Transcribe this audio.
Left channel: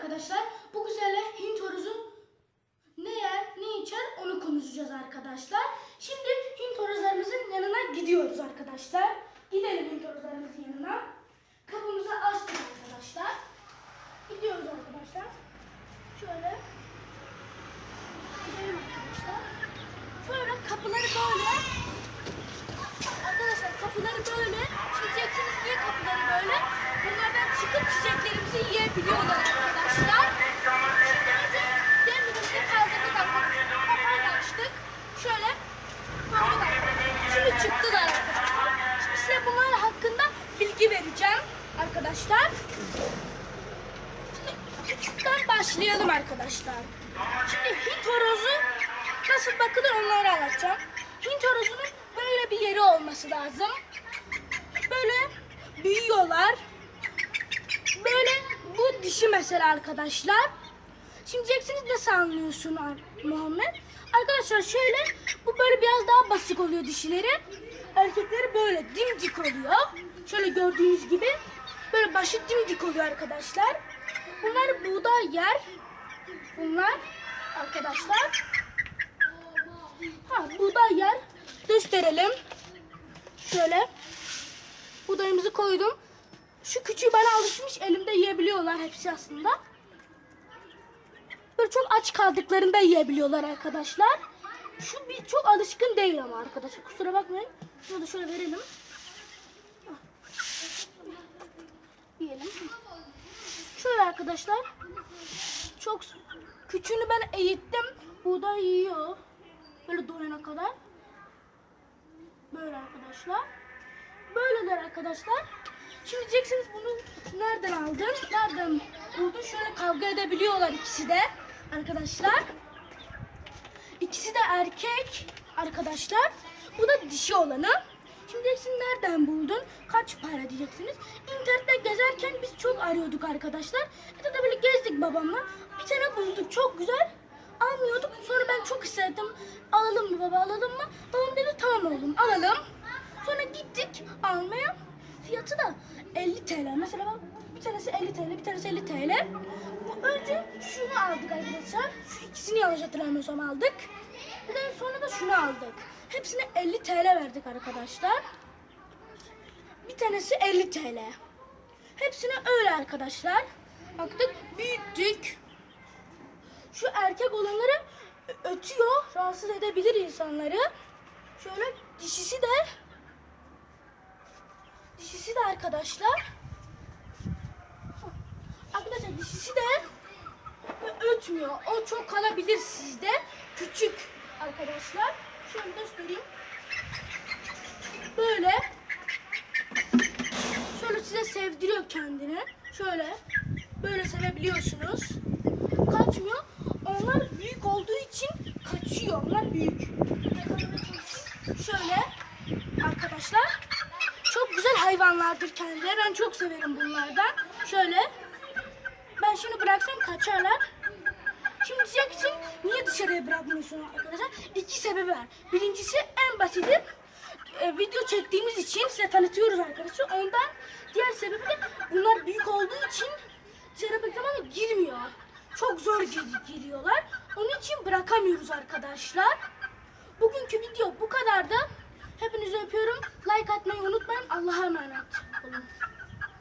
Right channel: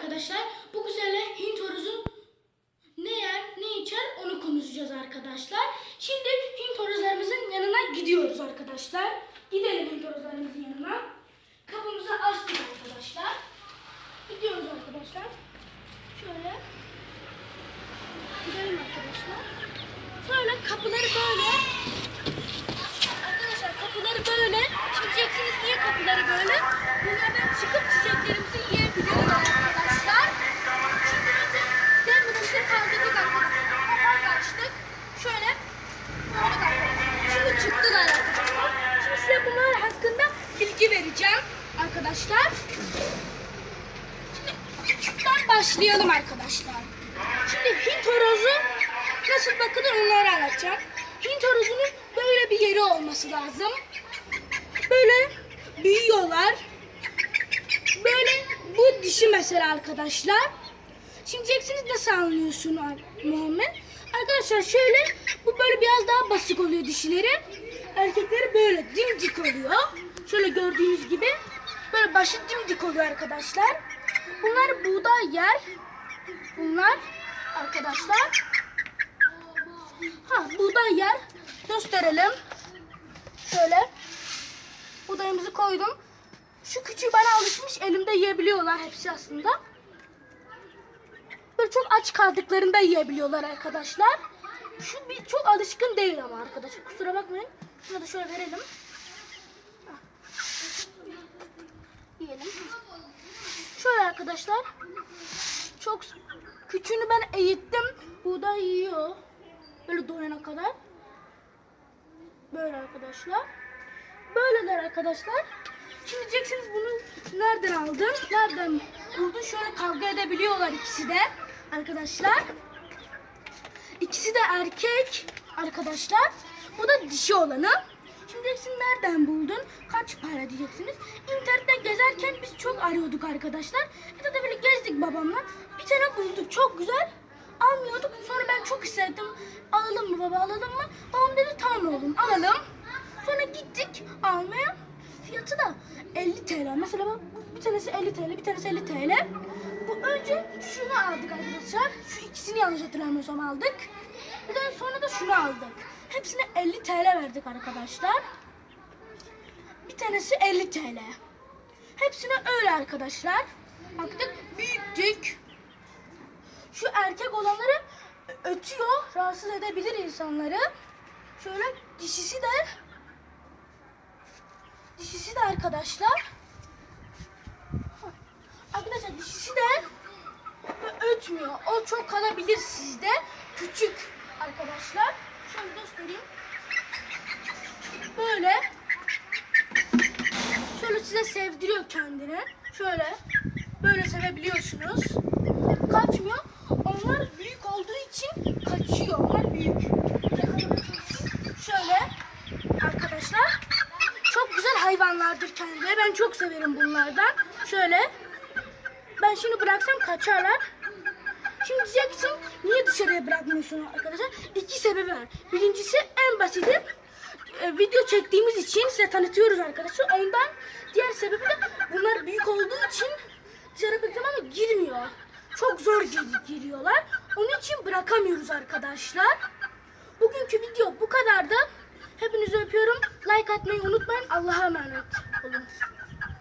arkadaşlar. Bu güzel Hint horozu ne yer, ne içer onu konuşacağız arkadaşlar. Şimdi Hint horozlarımızın yanına gidiyoruz arkadaşlar. Gidelim Hint horozlarımızın yanına. Kapımızı açtık arkadaşlar. Gidiyoruz arkadaşlar. Şöyle. Gidelim arkadaşlar. Şöyle kapıları böyle. Arkadaşlar kapıları böyle. Şimdi diyeceksiniz niye kapıları böyle? Bunlardan çıkıp çiçeklerimizi yiyebiliyorlar arkadaşlar. Demirimizi kaldırdık arkadaşlar. Kapağını açtık. Şöyle. Aldık arkadaşlar. Şimdi çıktılar. Şimdi size bunlar hakkında bilgi vereceğim arkadaşlar. Şimdi küçükten başlayalım arkadaşlar. Şimdi Hint horozu nasıl bakılır onları anlatacağım. Hint horozunun böyle bir yeri olması lazım. Böyle büyüyorlar. Böyle bu dişi mesela arkadaşlar. Şimdi diyeceksiniz nasıl anlıyorsun Muhammed? Arkadaşlar şöyle bu böyle basık oluyor dişileri. Erkekleri böyle dimdik oluyor. Şöyle gördüğünüz gibi böyle başı dimdik oluyor arkadaşlar. Bunlar buğday yer. Bunlar arkadaşlar. Ha buğday yer. Gösterelim. Şöyle. Buğdayımızı koydum. Şu küçüğü bana alışmış. Elimde yiyebiliyorlar hepsi aslında. Böyle çok aç kaldıklarında yiyebiliyorlar arkadaşlar. Şu bir çok alışkın değil ama arkadaşlar. Kusura bakmayın. Şunu da şöyle verelim. Hah. Yiyelim. Şöyle arkadaşlar. Çok küçüğünü ben eğittim. Buğday yiyor. Böyle doyana kadar. Böyle arkadaşlar. Böyleler arkadaşlar. Şimdi diyeceksiniz bunu nereden aldın? Nereden buldun? Şöyle kavga edebiliyorlar ikisi de arkadaşlar. İkisi de erkek arkadaşlar. Bu da dişi olanı. Şimdi diyeceksin nereden buldun? Kaç para diyeceksiniz. İnternette gezerken biz çok arıyorduk arkadaşlar. Ya da böyle gezdik babamla. Bir tane bulduk çok güzel. Almıyorduk. Sonra ben çok istedim. Alalım mı baba alalım mı? Babam dedi tamam oğlum alalım. Sonra gittik almaya. Fiyatı da 50 TL. Mesela bak bir tanesi 50 TL, bir tanesi 50 TL. Bu önce şunu aldık arkadaşlar. Şu ikisini yanlış hatırlamıyorsam aldık. Bir sonra da şunu aldık. Hepsine 50 TL verdik arkadaşlar. Bir tanesi 50 TL. Hepsine öyle arkadaşlar. Baktık büyüttük. Şu erkek olanları ötüyor, rahatsız edebilir insanları. Şöyle dişisi de dişisi de arkadaşlar. Arkadaşlar dişisi de ötmüyor. O çok kalabilir sizde. Küçük arkadaşlar. Şöyle göstereyim. Böyle. Şöyle size sevdiriyor kendini. Şöyle. Böyle sevebiliyorsunuz. Kaçmıyor. Onlar büyük olduğu için kaçıyor. Onlar büyük. Şöyle arkadaşlar. Çok güzel hayvanlardır kendileri. Ben çok severim bunlardan. Şöyle. Ben şimdi bıraksam kaçarlar. Şimdi diyeceksin niye dışarıya bırakmıyorsun arkadaşlar? İki sebebi var. Birincisi en basiti e, video çektiğimiz için size tanıtıyoruz arkadaşlar. Ondan diğer sebebi de bunlar büyük olduğu için dışarı bıraktım ama girmiyor. Çok zor gir- giriyorlar. Onun için bırakamıyoruz arkadaşlar. Bugünkü video bu kadardı. Hepinizi öpüyorum. Like atmayı unutmayın. Allah'a emanet olun.